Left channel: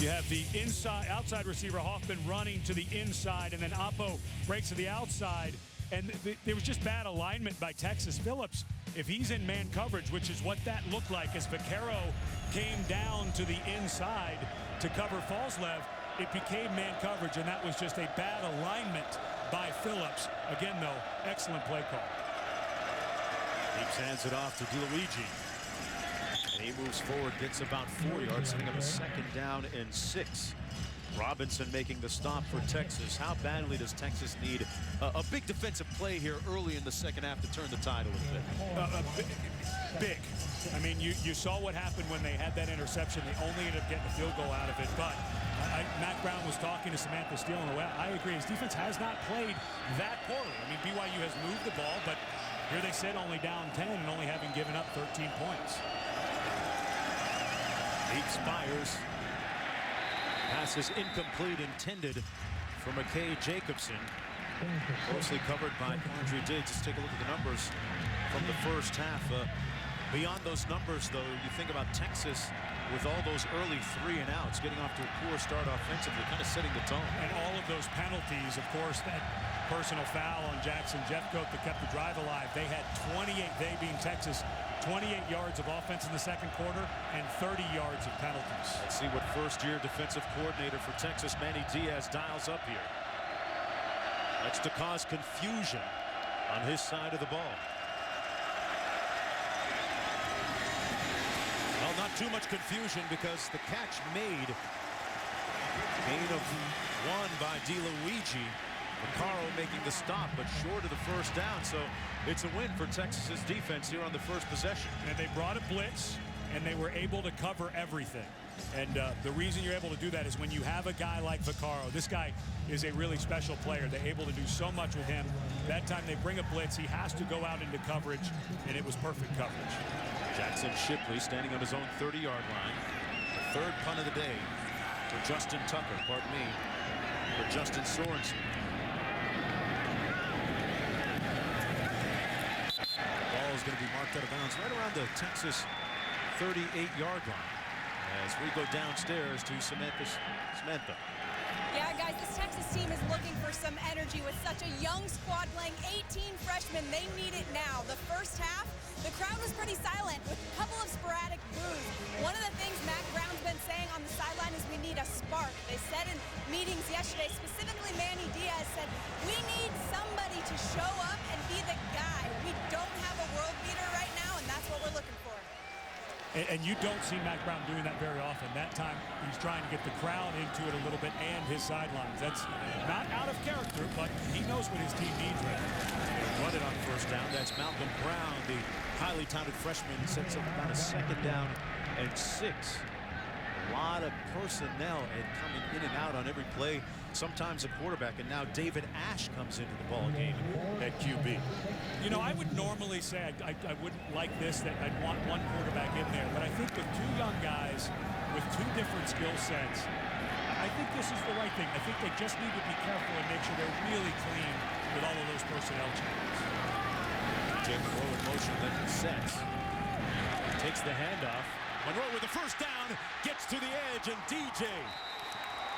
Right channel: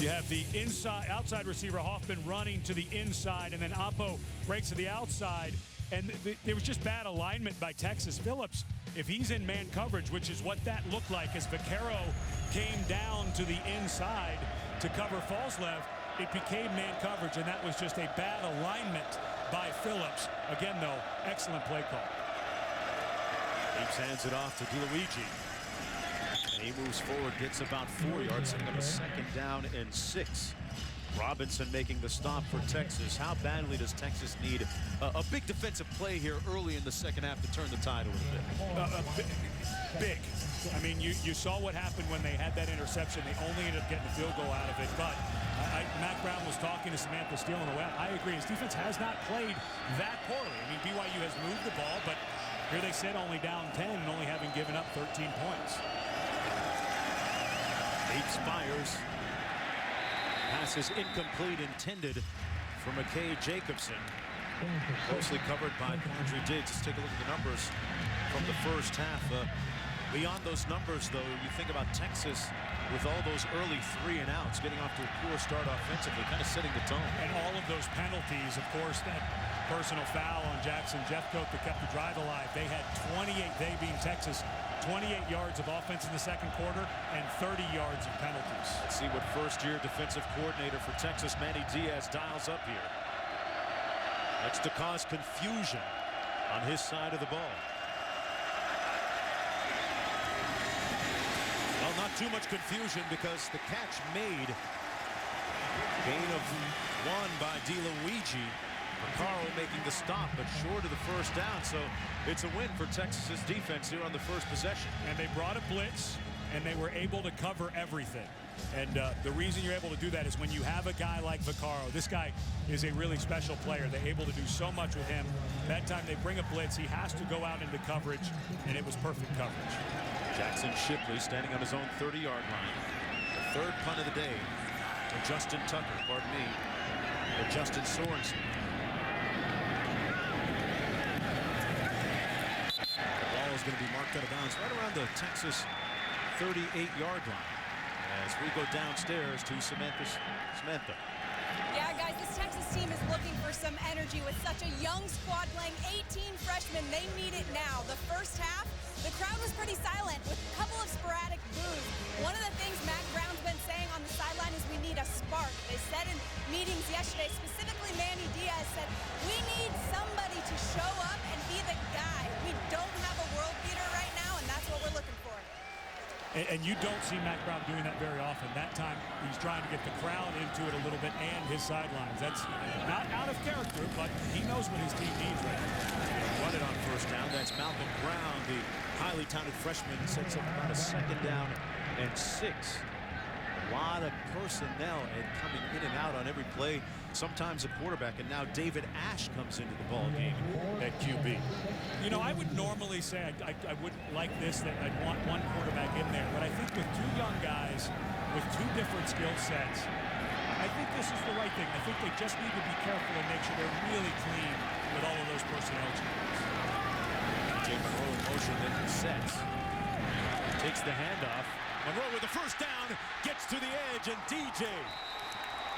You have the outside receiver Hoffman running to the inside, and then Oppo breaks to the outside. And there was just bad alignment by Texas. Phillips, if he's in man coverage, which is what that looked like as Vaccaro came down to the inside to cover Falslev, it became man coverage, and that was just a bad alignment by Phillips. Again, though, excellent play call. Heaps hands it off to DeLuigi. And he moves forward, gets about 4 yards, setting up a 2nd down and 6. Robinson making the stop for Texas. How badly does Texas need a big defensive play here early in the second half to turn the tide a little bit? Big. I mean, you saw what happened when they had that interception. They only ended up getting a field goal out of it. But Mac Brown was talking to Samantha Steele on the way out. I agree. His defense has not played that poorly. I mean, BYU has moved the ball, but here they sit only down 10 and only having given up 13 points. Heaps fires. Pass is incomplete, intended for McKay Jacobson. Closely covered by Quandre Diggs. Let's take a look at the numbers from the first half. Beyond those numbers, though, you think about Texas with all those early 3 and outs, getting off to a poor start offensively, kind of setting the tone. And all of those penalties, of course, that personal foul on Jackson Jeffcoat that kept the drive alive. They had 28, they being Texas, 28 yards of offense in the second quarter and 30 yards of penalties. Let's see what first-year defensive coordinator for Texas, Manny Diaz, dials up here. That's to cause confusion on his side of the ball. Well, not too much confusion because the catch made. Gain of 1 by DeLuigi. Vaccaro making the stop, but short of the first down, so it's a win for Texas's defense here on the first possession. And they brought a blitz, and they were able to cover everything. And the reason you're able to do that is when you have a guy like Vaccaro. This guy is a really special player. They're able to do so much with him. That time they bring a blitz, he has to go out into coverage, and it was perfect coverage. Jackson Shipley standing on his own 30-yard line. The 3rd punt of the day for Justin Tucker, pardon me, for Justin Sorensen. And the ball is going to be marked out of bounds right around the Texas 38-yard line as we go downstairs to Samantha. Yeah, guys, this Texas team is looking for some energy with such a young squad playing 18 freshmen. They need it now. The first half, the crowd was pretty silent with a couple of sporadic boos. One of the things Mac Brown's been saying on the sideline is we need a spark. They said in meetings yesterday, specifically Manny Diaz said, we need somebody to show up and be the guy. We don't have a world beater right now, and that's what we're looking for. And you don't see Mac Brown doing that very often. That time he's trying to get the crowd into it a little bit and his sidelines. That's not out of character, but he knows what his team needs right now. They're going to run it on first down. That's Malcolm Brown, the highly talented freshman, sets up about a 2nd down and 6. A lot of personnel coming in and out on every play, sometimes a quarterback, and now David Ash comes into the ball game at QB. You know, I would normally say I wouldn't like this, that I'd want one quarterback in there. But I think with 2 young guys with 2 different skill sets, I think this is the right thing. I think they just need to be careful and make sure they're really clean with all of those personnel changes. DJ Monroe in motion, then sets. Takes the handoff. Monroe with the first down, gets to the edge, and DJ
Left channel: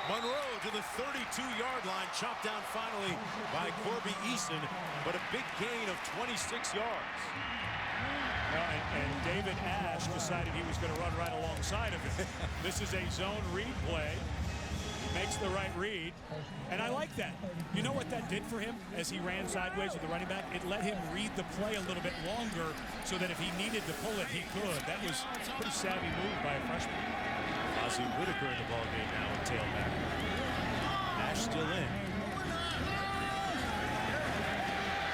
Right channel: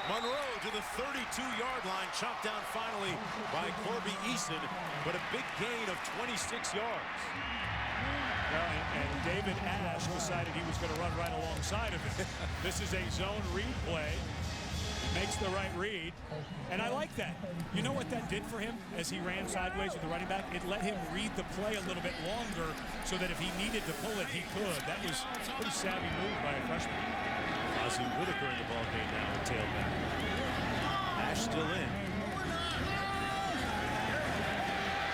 Monroe to the 32-yard line, chopped down finally by Corby Eason. But a big gain of 26 yards. Well, and David Ash decided he was going to run right alongside of him. This is a zone read play. He makes the right read, and I like that. You know what that did for him as he ran sideways with the running back? It let him read the play a little bit longer so that if he needed to pull it, he could. That was a pretty savvy move by a freshman. Fozzie Whitaker in the ballgame now at tailback. Ash still in.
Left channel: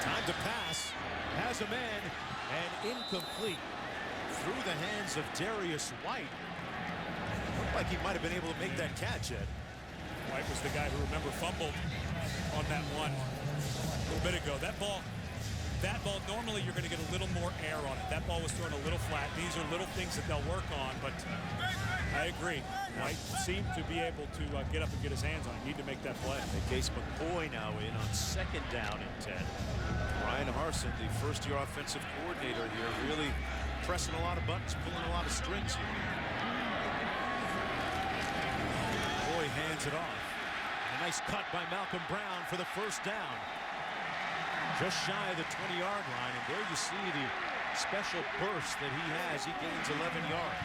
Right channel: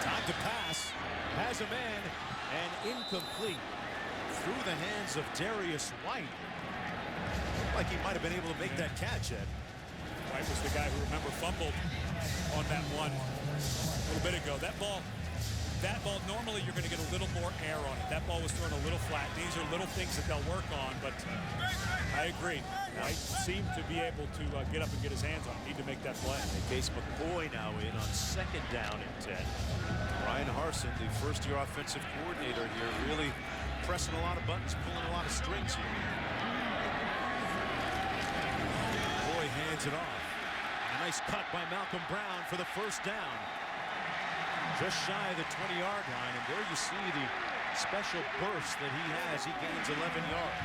Time to pass, has a man, and incomplete. Through the hands of Darius White. Looked like he might have been able to make that catch, Ed. White was the guy who, remember, fumbled on that one a little bit ago. That ball, normally you're going to get a little more air on it. That ball was thrown a little flat. These are little things that they'll work on, but I agree. White seemed to be able to get up and get his hands on it. Need to make that play. Case McCoy now in on 2nd down and 10. Brian Harsin, the first-year offensive coordinator here, really pressing a lot of buttons, pulling a lot of strings here. McCoy hands it off. And a nice cut by Malcolm Brown for the first down. Just shy of the 20-yard line. And there you see the special burst that he has. He gains 11 yards.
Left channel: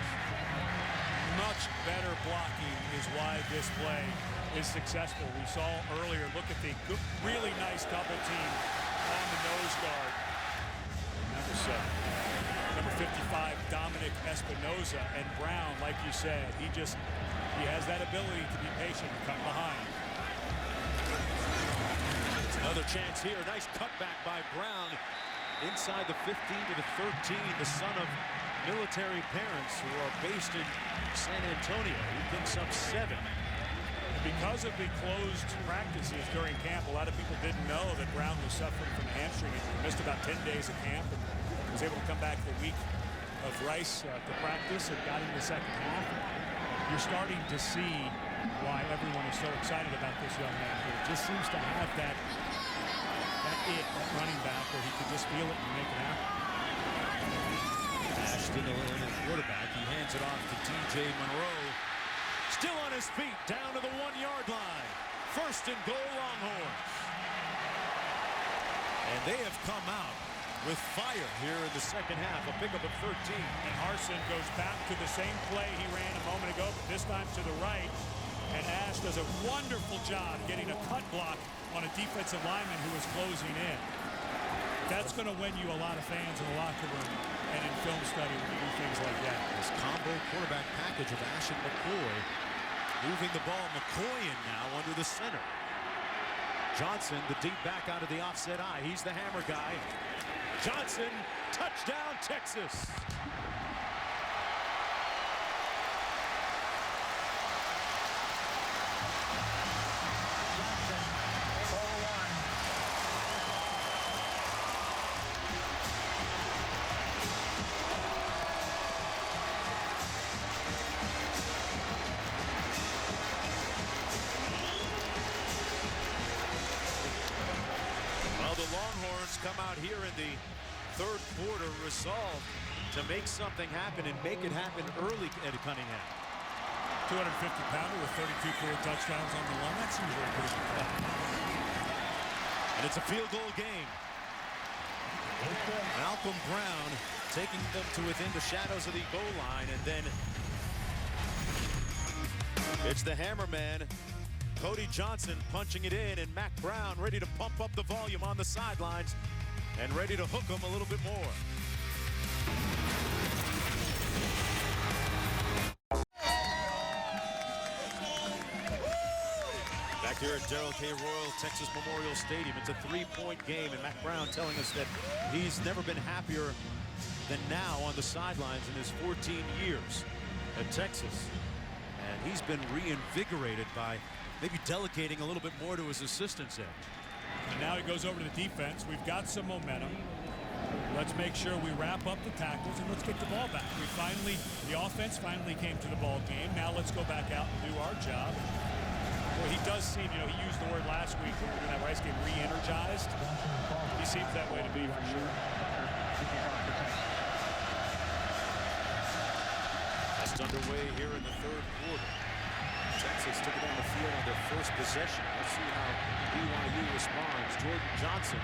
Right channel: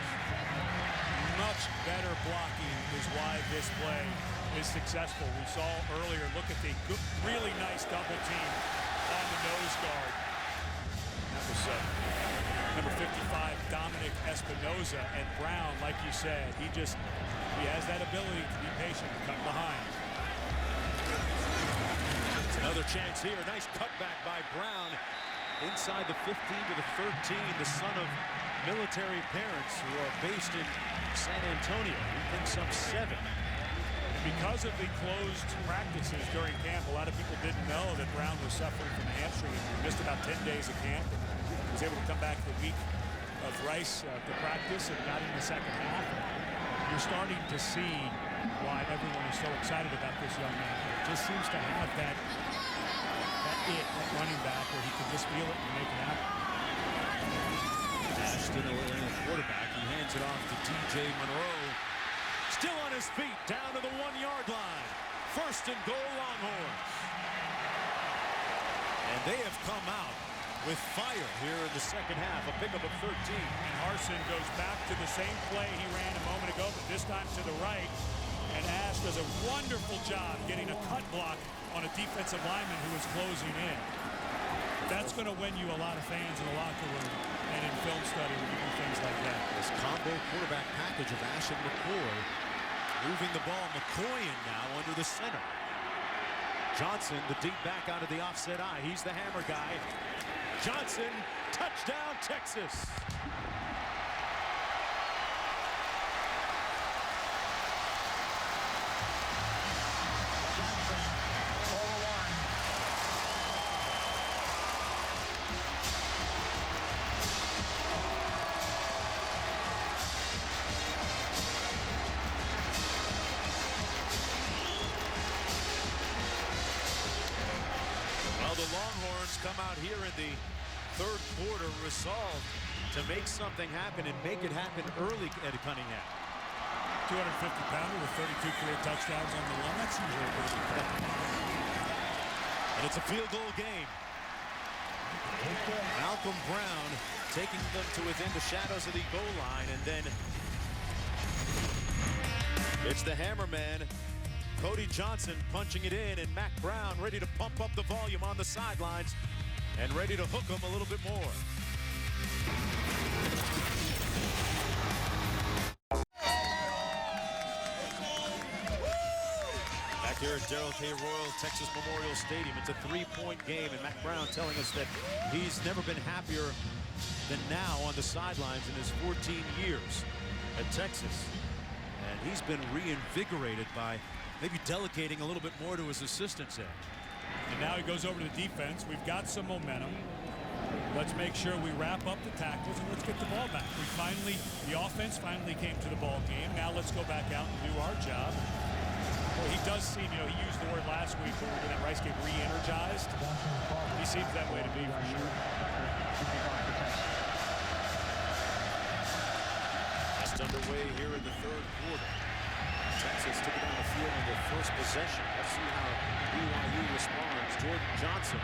Much better blocking is why this play is successful. We saw earlier, look at the really nice double team on the nose guard. And that was number 55, Dominic Espinoza. And Brown, like you said, he has that ability to be patient and cut behind. It's another chance here. Nice cutback by Brown inside the 15 to the 13. The son of military parents who are based in San Antonio. He picks up 7. And because of the closed practices during camp, a lot of people didn't know that Brown was suffering from a hamstring injury. Missed about 10 days of camp and was able to come back the week of Rice to practice and got in the second half. And you're starting to see why everyone is so excited about this young man here. Just seems to have that running back where he can just feel it and make it happen. Ashton, the quarterback. He hands it off to DJ Monroe. Still on his feet, down to the 1-yard line. First and goal, Longhorns. And they have come out with fire here in the second half. A pickup of 13. And Harsin goes back to the same play he ran a moment ago, but this time to the right. And Ash does a wonderful job getting a cut block on a defensive lineman who was closing in. That's going to win you a lot of fans in the locker room and in film study when you do things like that. This combo quarterback package of Ash and McCoy moving the ball. McCoy in now under the center. Johnson, the deep back out of the offset eye. He's the hammer guy. Johnson, touchdown, Texas. Well, the Longhorns come out here in the third quarter resolved to make something happen and make it happen early at Cunningham. 250-pounder with 32 career touchdowns on the one. That's usually a pretty good call. And it's a field goal game. Malcolm Brown taking them to within the shadows of the goal line, and then it's the hammerman, Cody Johnson, punching it in, and Mac Brown ready to pump up the volume on the sidelines and ready to hook him a little bit more. Back here at Darrell K. Royal Texas Memorial Stadium, it's a 3-point game, and Mac Brown telling us that he's never been happier than now on the sidelines in his 14 years at Texas. And he's been reinvigorated by maybe delegating a little bit more to his assistants there. And now he goes over to the defense. We've got some momentum. Let's make sure we wrap up the tackles and let's get the ball back. The offense finally came to the ball game. Now let's go back out and do our job. And boy, he does seem, he used the word last week when we were doing that Rice game, re-energized. He seems that way to me for sure. Just underway here in the third quarter. Texas took it down the field on their first possession. Let's see how BYU responds. Jordan Johnson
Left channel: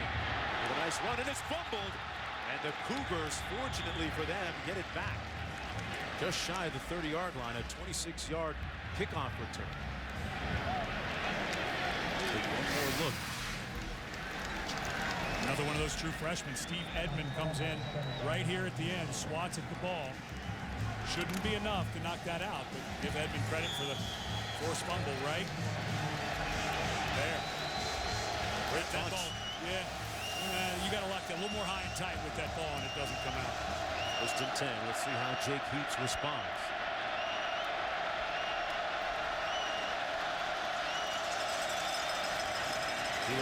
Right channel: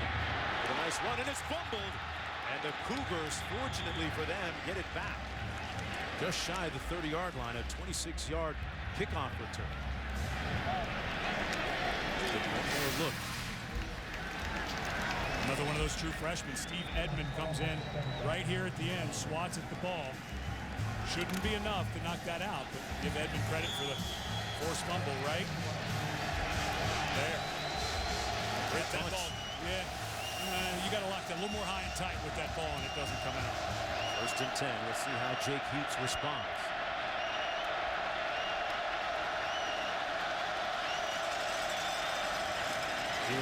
with a nice run, and it's fumbled. And the Cougars, fortunately for them, get it back. Just shy of the 30-yard line, a 26-yard kickoff return. Take one more look. Another one of those true freshmen. Steve Edmond comes in right here at the end, swats at the ball. Shouldn't be enough to knock that out, but give Edmond credit for the forced fumble right there. Great that ball, yeah. You got to lock that a little more high and tight with that ball, and it doesn't come out. First and 10. Let's see how Jake Heaps responds.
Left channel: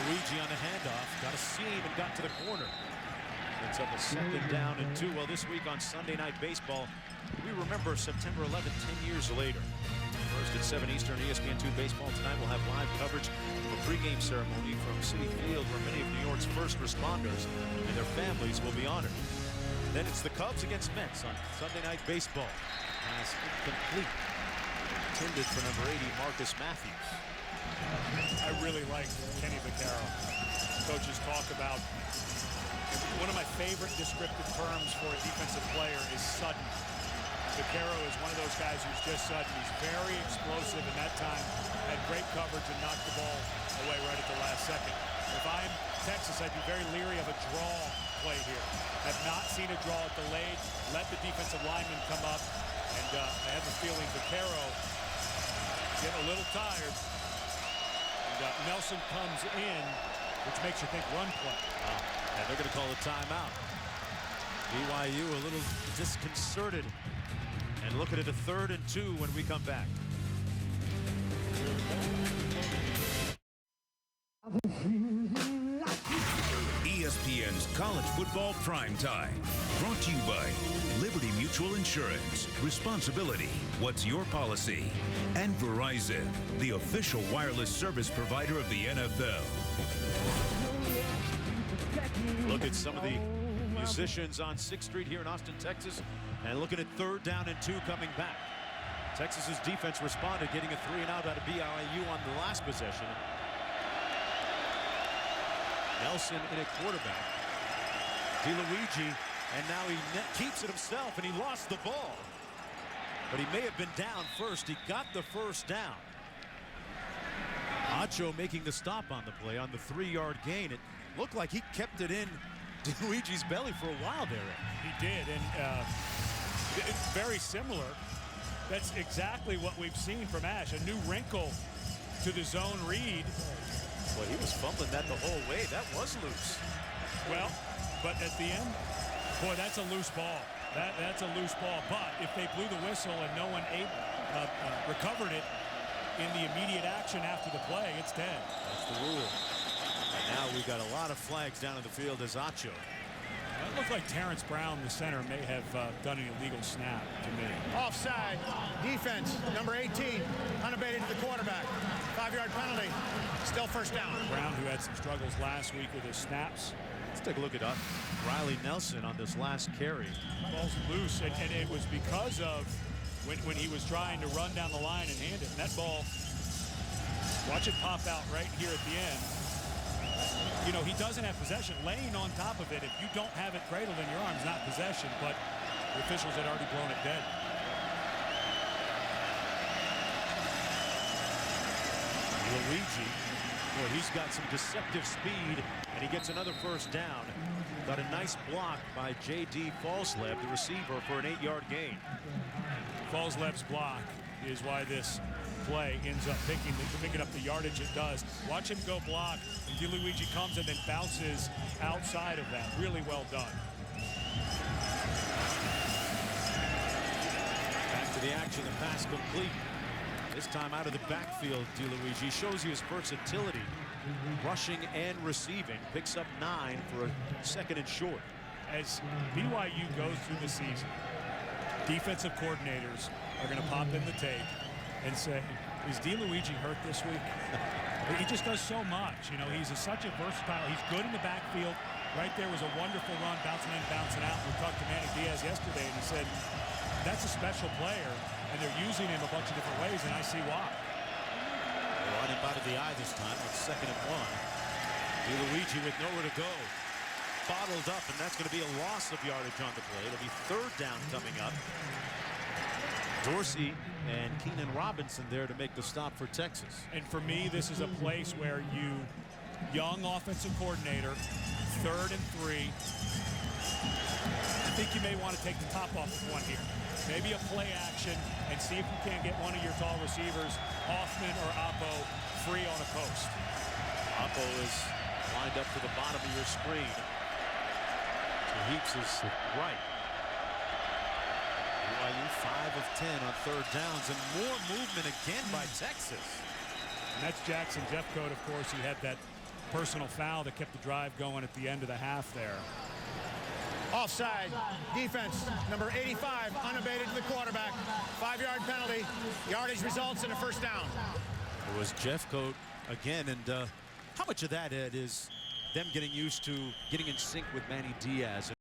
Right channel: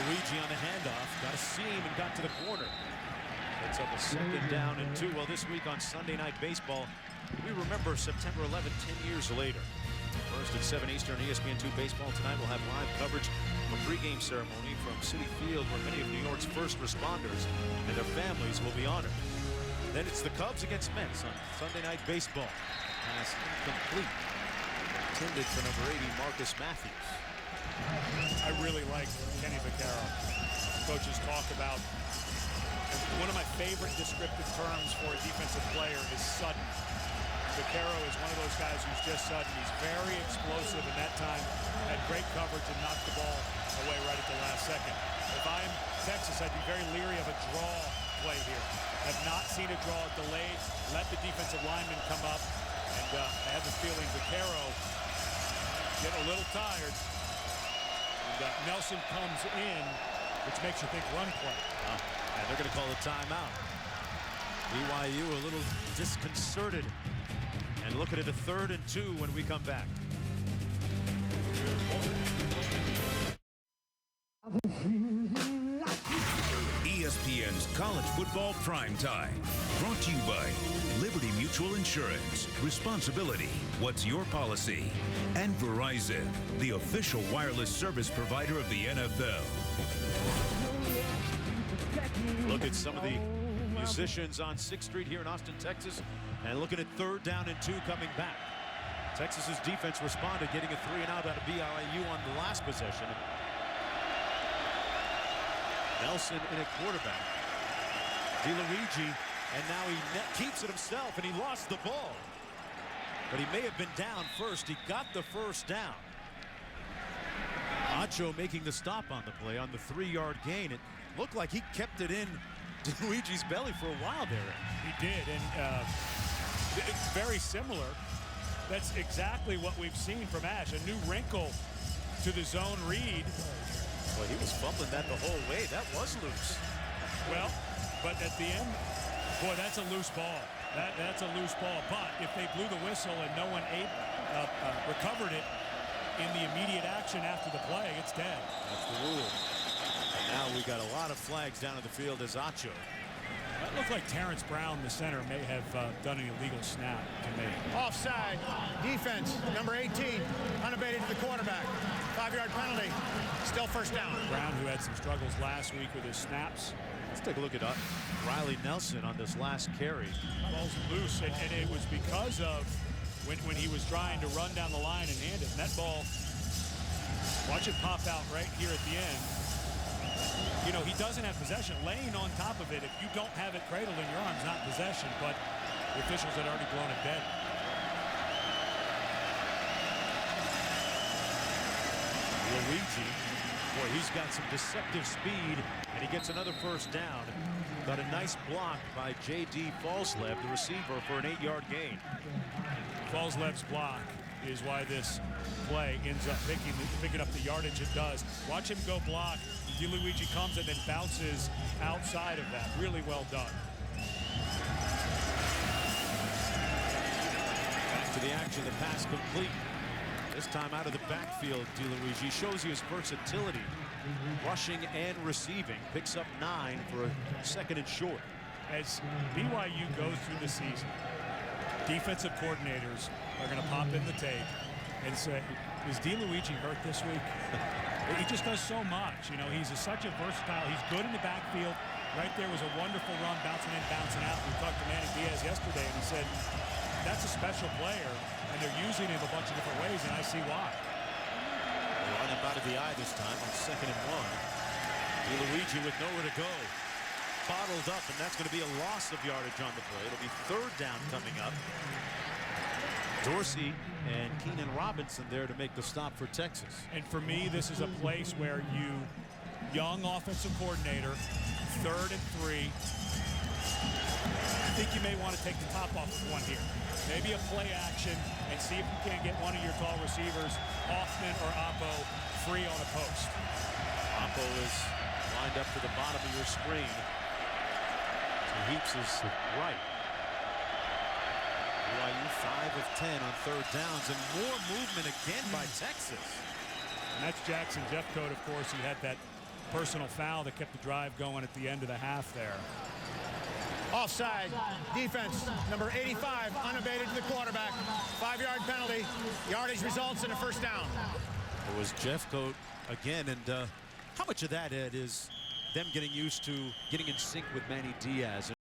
Luigi on the handoff, got a seam and got to the corner. Sets up a second down and 2. Well, this week on Sunday Night Baseball, we remember September 11th, 10 years later. First at 7 Eastern, ESPN2 Baseball tonight. We'll have live coverage of a pregame ceremony from Citi Field where many of New York's first responders and their families will be honored. Then it's the Cubs against Mets on Sunday Night Baseball. A pass incomplete. Intended for number 80, Marcus Matthews. I really like Kenny Vaccaro. Coaches talk about one of my favorite descriptive terms for a defensive player is sudden. Vaccaro is one of those guys who's just sudden. He's very explosive, and that time had great coverage and knocked the ball away right at the last second. If I'm Texas, I'd be very leery of a draw play here. Have not seen a draw delayed. Let the defensive lineman come up, and I have a feeling Vaccaro getting a little tired. And Nelson comes in, which makes you think run play. Wow. And they're going to call a timeout. BYU a little disconcerted. And looking at a 3rd and 2 when we come back. ESPN's College Football Primetime. Brought to you by Liberty Mutual Insurance. Responsibility. What's your policy? And Verizon, the official wireless service provider of the NFL. Look at some of the musicians on 6th Street here in Austin, Texas. And looking at 3rd down and 2 coming back. Texas's defense responded, getting a 3-and-out out of BYU on the last possession. Nelson in at quarterback. DeLuigi, and now he keeps it himself, and he lost the ball. But he may have been down first. He got the first down. Acho making the stop on the play on the 3-yard gain. It looked like he kept it in DeLuigi's belly for a while there, Ed. He did, and very similar. That's exactly what we've seen from Ash. A new wrinkle to the zone read. Boy, he was fumbling that the whole way. That was loose. Well, but at the end, boy, that's a loose ball. That's a loose ball. But if they blew the whistle and no one recovered it in the immediate action after the play, it's dead. That's the rule. And now we got a lot of flags down in the field as Acho. Well, it looked like Terrence Brown, the center, may have done an illegal snap to me. Offside. Defense. Number 18. Unabated to the quarterback. 5-yard penalty. Still first down. Brown, who had some struggles last week with his snaps. Let's take a look at Riley Nelson on this last carry. Ball's loose, and it was because of when he was trying to run down the line and hand it. And that ball, watch it pop out right here at the end. You know, he doesn't have possession. Laying on top of it, if you don't have it cradled in your arms, not possession, but the officials had already blown it dead. Luigi, boy, he's got some deceptive speed, and he gets another first down. Got a nice block by J.D. Falslev, the receiver, for an 8-yard gain. Falslev's block is why this play ends up picking up the yardage it does. Watch him go block, and DeLuigi comes and then bounces outside of that. Really well done. And back to the action, the pass complete. This time out of the backfield, DeLuigi shows you his versatility, rushing and receiving. Picks up 9 for a 2nd and short. As BYU goes through the season, defensive coordinators are going to pop in the tape and say, is DeLuigi hurt this week? He just does so much. You know, he's such a versatile. He's good in the backfield. Right there was a wonderful run, bouncing in, bouncing out. We talked to Manny Diaz yesterday, and he said, that's a special player, and they're using him a bunch of different ways, and I see why. They line up out of the eye this time on 2nd and 1. DeLuigi with nowhere to go. Bottled up, and that's going to be a loss of yardage on the play. It'll be 3rd down coming up. Dorsey and Keenan Robinson there to make the stop for Texas. And for me, this is a place where young offensive coordinator, 3rd and 3. I think you may want to take the top off of one here. Maybe a play action and see if you can't get one of your tall receivers, Hoffman or Oppo, free on a post. Oppo is lined up to the bottom of your screen. To Heaps' right. BYU 5 of 10 on 3rd downs, and more movement again by Texas. And that's Jackson Jeffcoat, of course. He had that personal foul that kept the drive going at the end of the half there. Offside. Defense. Number 85. Unabated to the quarterback. 5-yard penalty. Yardage results in a first down. It was Jeffcoat again, and how much of that, Ed, is them getting used to getting in sync with Manny Diaz?